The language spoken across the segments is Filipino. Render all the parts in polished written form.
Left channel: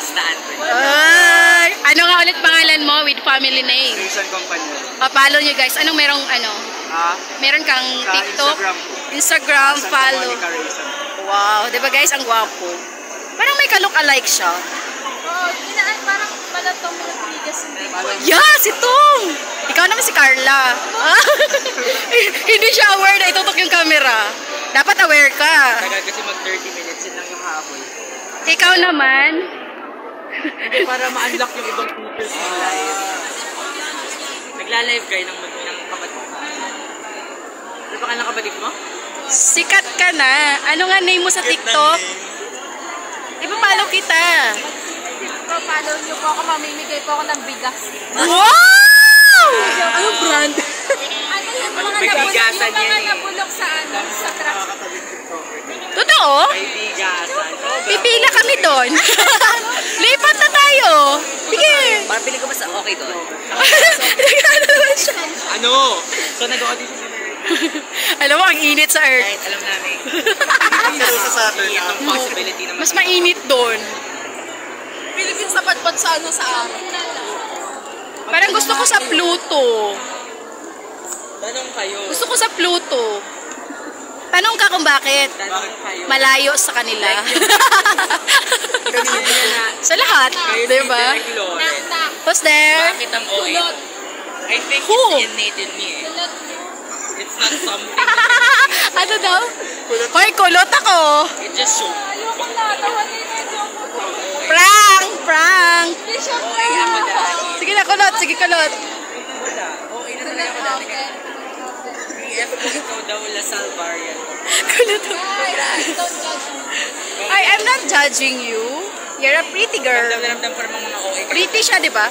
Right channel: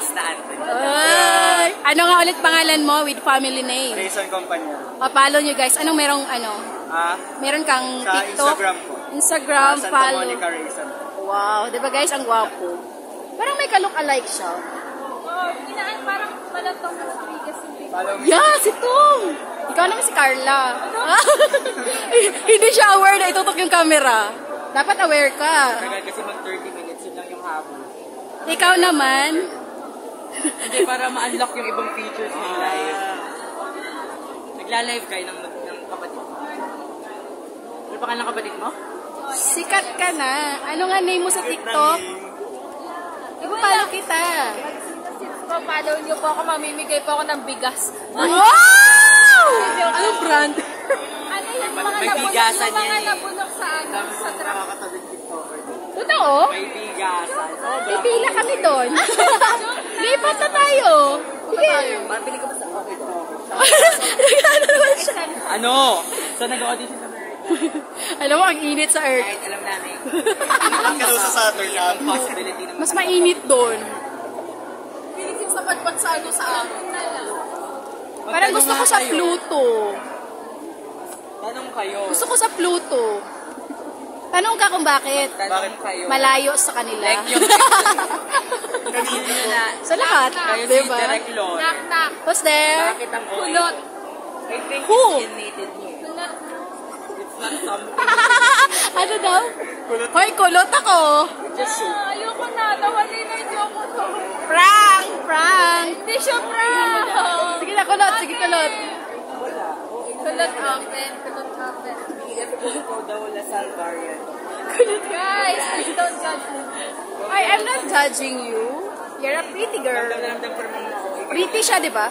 Basta Anthony. Ay, ano nga ulit pangalan mo with family name? Jason Company. Follow nyo guys. Anong merong ano? Meron kang Sa TikTok? Instagram po. Instagram, Santa follow. Monica Racing. Wow, di ba guys? Ang gwapo. Parang may ka-look-alike siya. Yeah, si Tom! Ikaw naman si Carla. Hindi siya aware na itutok yung camera. Dapat aware ka. Kasi mag 30 minutes yun lang yung habol. Ikaw naman. Hindi, para ma-unlock yung ibang features ng live. Nagla-live kayo ng kapatid mo. Ano pa ka ng kapatid mo? Sikat ka na. Ano nga name mo sa TikTok? Ipapalo kita. Follow niyo po ako, mamimigay po ako ng bigas. Wow! Anong brand? May bigasan yan eh. Nabulok sa truck. Totoo? May bigasan. Pipila kami doon. Lipat na tayo. Sige. Parang pili ko ba sa okay doon? Nagano naman siya. Ano? So nag-audition siya. Alam mo, ang init sa Earth. Kahit alam namin. Pero sa Saturn na. Itong possibility naman. Mas mainit doon. Philippines na patpat sa ano sa amin. Parang gusto ko sa Pluto. Tanong kayo. Gusto ko sa Pluto. Tanong ka kung bakit. Tanong kayo. Malayo sa kanila. Kanina na. Sa lahat, Kayo di si ba? Derek Loren. Who's there? Bakit ang OA? Kulot. I think Who? it's innate in me eh. Kulot. It's not something. Ano daw? Hoy, kulot ako. It just shows. Ayoko na, tawagin na yung joke ko. Prank! Prank! Hindi siya Okay ako dati. Sige na, kulot. Sige, kulot. Wala. Okay na talaga ako dati. PF ko ikaw daw Lasal variant. Kulot. Guys, don't judge me. I'm not judging you. You're a pretty girl. Ramdam na ramdam ko namang mga OA. Pretty siya, di ba?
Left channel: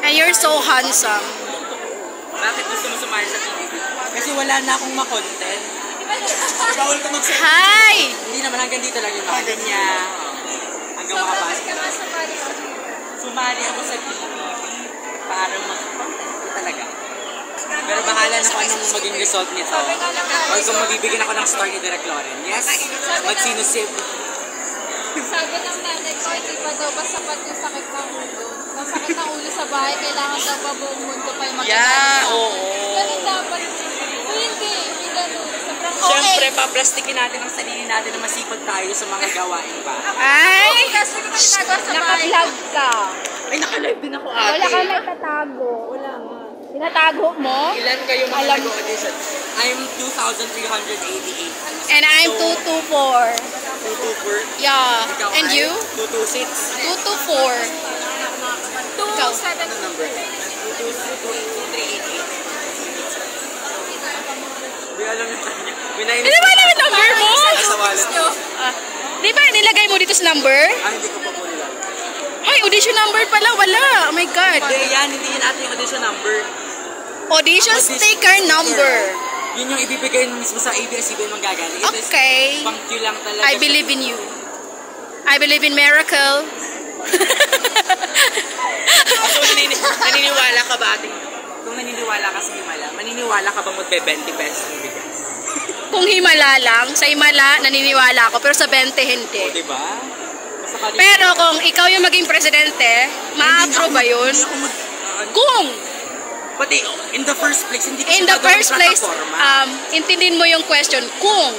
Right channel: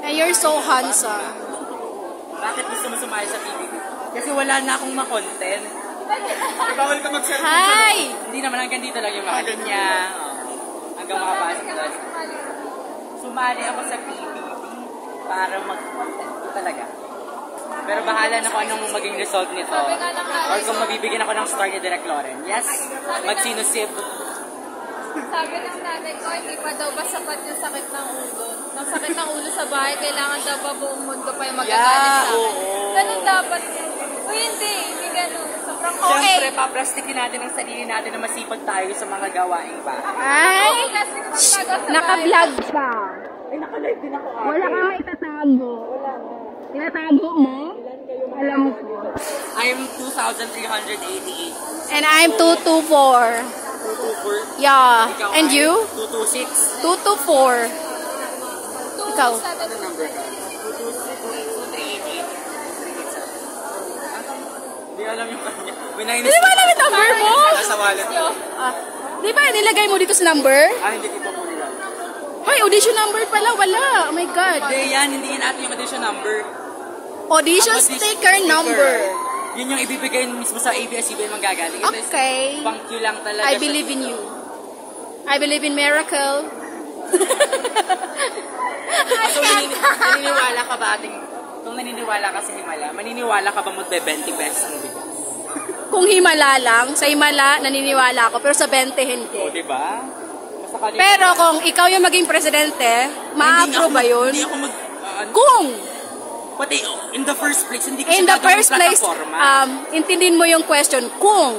And you're so handsome. Bakit gusto mo sumali sa TV? Kasi wala na akong ma-content. Bawal ka mag-set. Hi! Hindi naman hanggang dito lang yung mga niya. Hanggang makapasok ka doon. Sumali ako sa TV para talaga. Pero bahala na kung anong maging result nito. O kung mabibigyan ako ng star ni Derek Loren. Yes, magsinusib. Sabi ng nanay ko, hindi pa daw ba sapat yung sakit ng ulo. Ang sakit ng ulo sa bahay, kailangan daw ba buong mundo pa yung magagalit sa oo. Ganun dapat. O hindi ganun. Sobrang okay. Siyempre, paplastikin natin ang sarili natin na masipag tayo sa mga gawain ba? Ay! Kasi naman ginagawa sa bahay. Naka-vlog ka. Ay, nakalive din ako ate. Wala kang itatago. Wala nga. Tinatago mo? Ilan kayo mga Alam mo. nag-audition? I'm 2,388. And I'm 224. 224. Yeah. Ikaw And ay you? 226. 224. Ikaw. Ano number? 2388. Hindi alam yung kanya. Hindi ba alam yung number mo? Sa wallet. Ah, di ba nilagay mo dito sa number? Hindi ko pa po nila. Hey, audition number pala. Wala. Oh my God. Hindi yan, hindi yan natin yung audition number. Audition sticker number. Yun yung ibibigay mismo sa ABS-CBN manggagaling. Ito is Okay. pang Q lang talaga. I believe in you. I believe in miracle. So, naniniwala ka ba ating... Kung naniniwala ka sa Himala, maniniwala ka ba magbe-20 pesos ng bigas? Kung himala lang, sa himala naniniwala ako, pero sa 20 hindi. O, diba? Basta ka Pero kung ikaw yung maging presidente, ma-approve ba yun? Hindi ako mag... Kung Pati, in the first place, hindi ko in the sigurado first yung place, plataforma. intindin mo yung question, kung.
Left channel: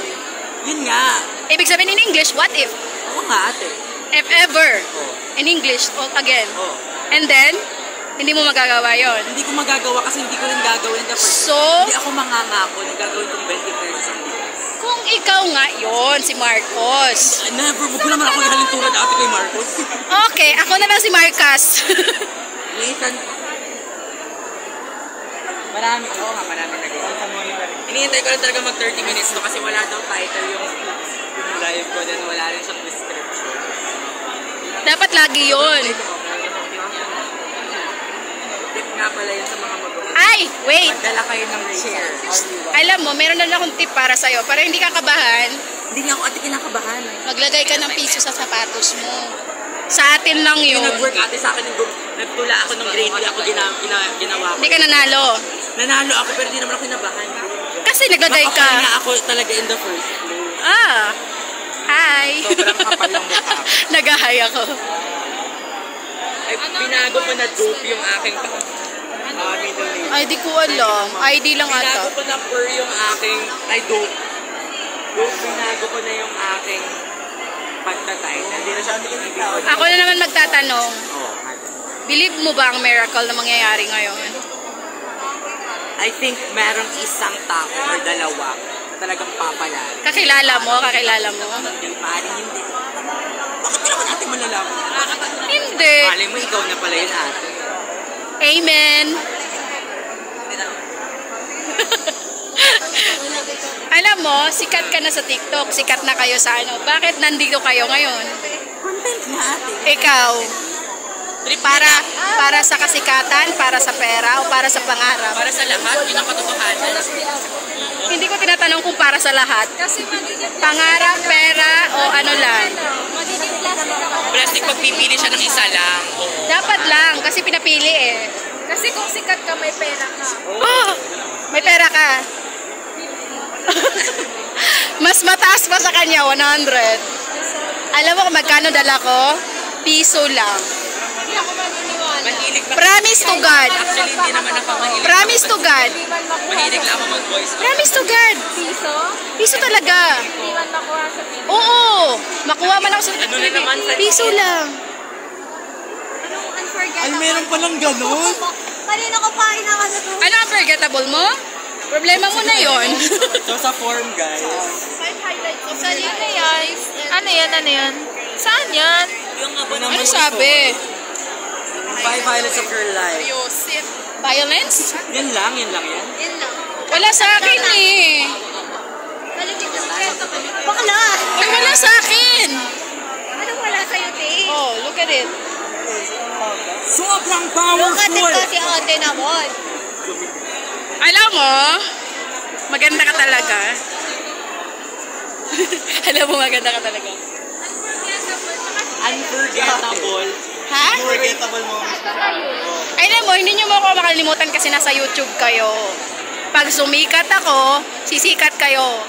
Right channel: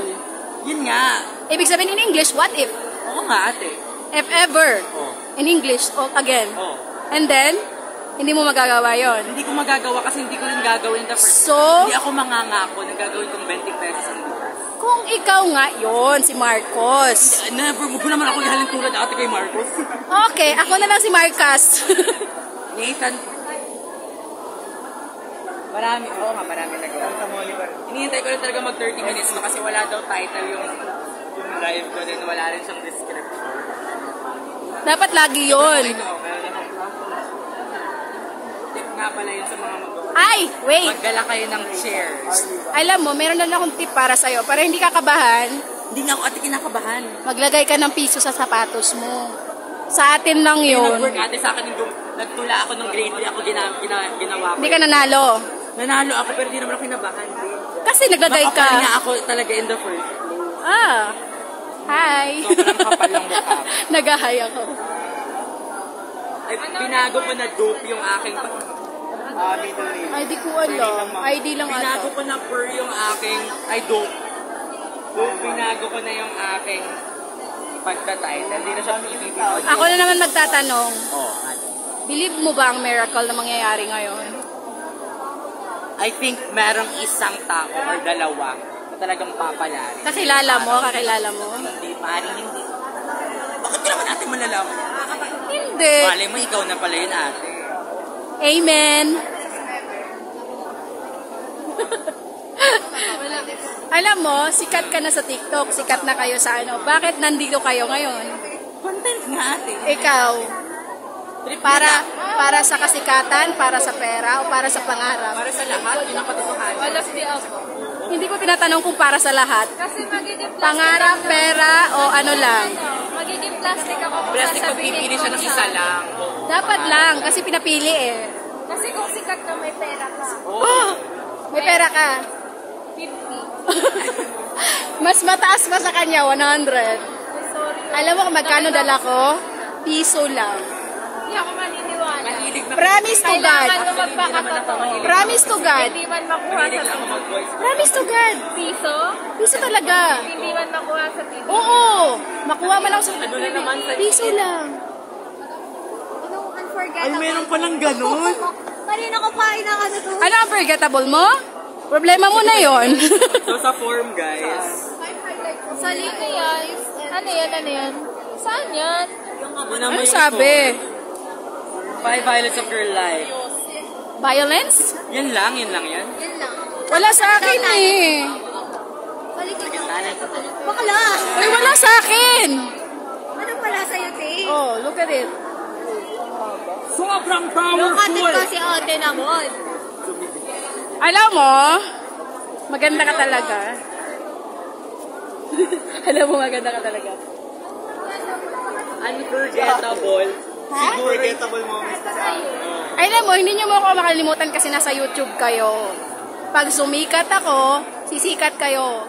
Yun nga. Ibig sabihin in English, what if? Oo nga, ate. If ever. Oh. In English, again. Oh. And then, hindi mo magagawa yon. Hindi ko magagawa kasi hindi ko rin gagawin. So, Hindi ako mangangako na gagawin kong 20 pesos ang bigas. kung ikaw nga yon si Marcos. Never, huwag naman ako galing tulad ate kay Marcos. Okay, ako na lang si Marcos. Nathan. Marami, oo nga, marami na gano'n. Santa Monica. Hinihintay ko lang talaga mag 30 minutes no kasi wala daw title yung live ko din, wala rin siyang description. Dapat lagi yon. Tip nga pala yun sa mga mag-uwi. Ay, wait. Magdala kayo ng chair. Alam mo, meron na akong tip para sa'yo. Para hindi ka kabahan, Hindi nga ako ate kinakabahan. maglagay ka ng piso sa sapatos mo. Sa atin lang Yung yun. nag-work ate sa akin, nagtula ako ng grade 3 ako ginawa ko. Hindi ka nanalo. Nanalo ako pero hindi naman ako kinabahan. Kasi naglagay Okay ka. nga ako talaga in the first place. Ah. Hi. Sobrang kapal ng mukha ko. Nagahay ako. Ay, binago ko na dope yung aking middle name. Ay, di ko alam. ID lang Binago ata. ko na per yung aking, ay dope. Dope, binago ko na yung aking pagka-title. Hindi na siya pinipili. Ako na naman magtatanong. Oh. Believe mo ba ang miracle na mangyayari ngayon? I think merong isang tao or dalawa na talagang papalari. Kakilala mo? Hindi, maaaring hindi. Bakit di naman natin malalaman? Hindi. Malay mo, ikaw na pala yun ate. Amen. Alam mo, sikat ka na sa TikTok. Sikat na kayo sa ano. Bakit nandito kayo ngayon? Content na ate. Ikaw. Para sa kasikatan, para sa pera, o para sa pangarap? Para sa lahat, yun ang katotohanan. Hindi ko tinatanong kung para sa lahat. Kasi magiging Pangarap, pera, o ano lang. magiging plastic ako. Plastic pagpipili siya ng isa lang. Dapat lang, kasi pinapili eh. Kasi kung sikat ka, may pera ka. Oh, may pera ka. Mas mataas pa sa kanya, 100. Alam mo kung magkano dala ko? Piso lang. Hindi ako maniniwala. Mahilig na. Promise to God. Actually, hindi naman ako mahilig. Promise to God. Hindi man makuha Mahilig sa lang ako mag-voice. Promise to God. piso. Piso talaga. Hindi man makuha sa piso. Oo. Makuha man ako sa Ano na naman sa piso lang. Ay, meron palang gano'n. Kanina ko pa inakano to. Ano ang forgettable mo? Problema mo na yon. So sa form, guys. Saan yun guys? Ano yan? Saan yan? Ano Ano sabi? 5 violets of your life. Violence? Yan lang yan. Wala sa akin eh. Bakla! Ay, wala sa akin. Anong wala sa'yo, te? Oh, look at it. Sobrang powerful! si ate naman. Alam mo, maganda ka talaga. Alam mo, maganda ka talaga. Unforgettable. Ha? Forgettable moments na siya. Ay, alam mo, hindi nyo mo ako makalimutan kasi nasa YouTube kayo. Pag sumikat ako, sisikat kayo.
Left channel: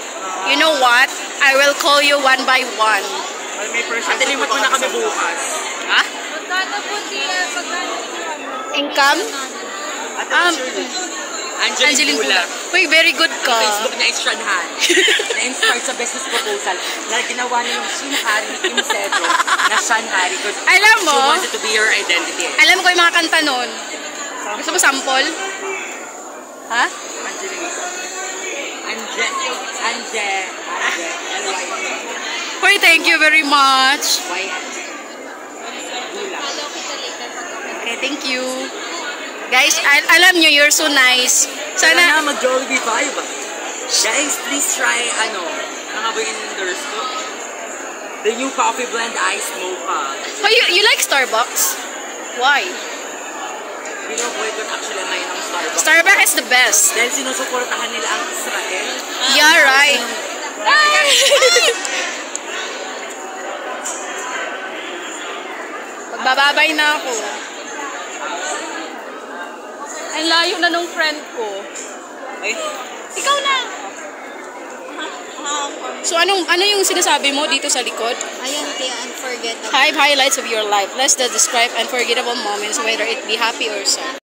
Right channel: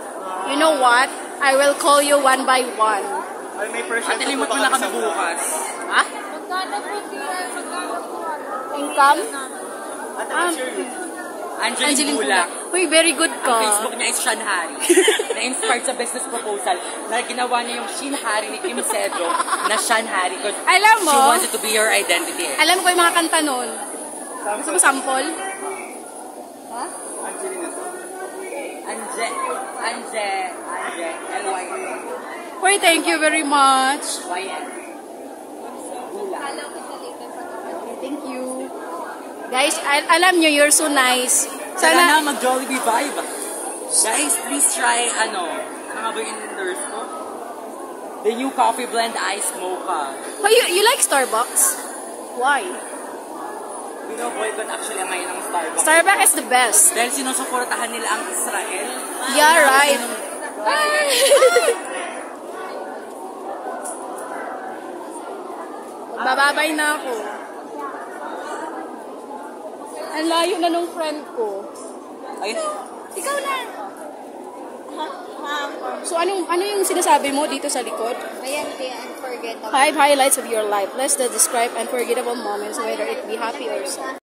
You know what? I will call you one by one. Ay, may percent Tilimot mo na kami bukas. Ha? Income? Angeline Bulak. Uy, very good ka. Facebook niya is Sean Hari. Na-inspired sa business proposal na ginawa niya yung Shin Hari ni Kim Cedro na Sean Hari because Alam she mo, wants it to be her identity. alam ko yung mga kanta nun. Gusto mo sample? Ha? Anje. Uy, thank you very much. Okay, thank you. Guys, alam nyo, you're so nice. Sana Sana, mag-Jollibee vibe. Guys, please try, ano ba yung endorse ko? The new coffee blend iced mocha. oh, you like Starbucks? Why? Bino-boycott actually ngayon ang Starbucks. Starbucks is the best. Dahil sinusuportahan nila ang Israel. Yeah, right. Magbababay na ako. Ang layo na nung friend ko. Ay, Ikaw na. So ano yung sinasabi mo dito sa likod? Ayan, te, unforgettable. 5 highlights of your life. Let's describe unforgettable moments, whether it be happy or sad.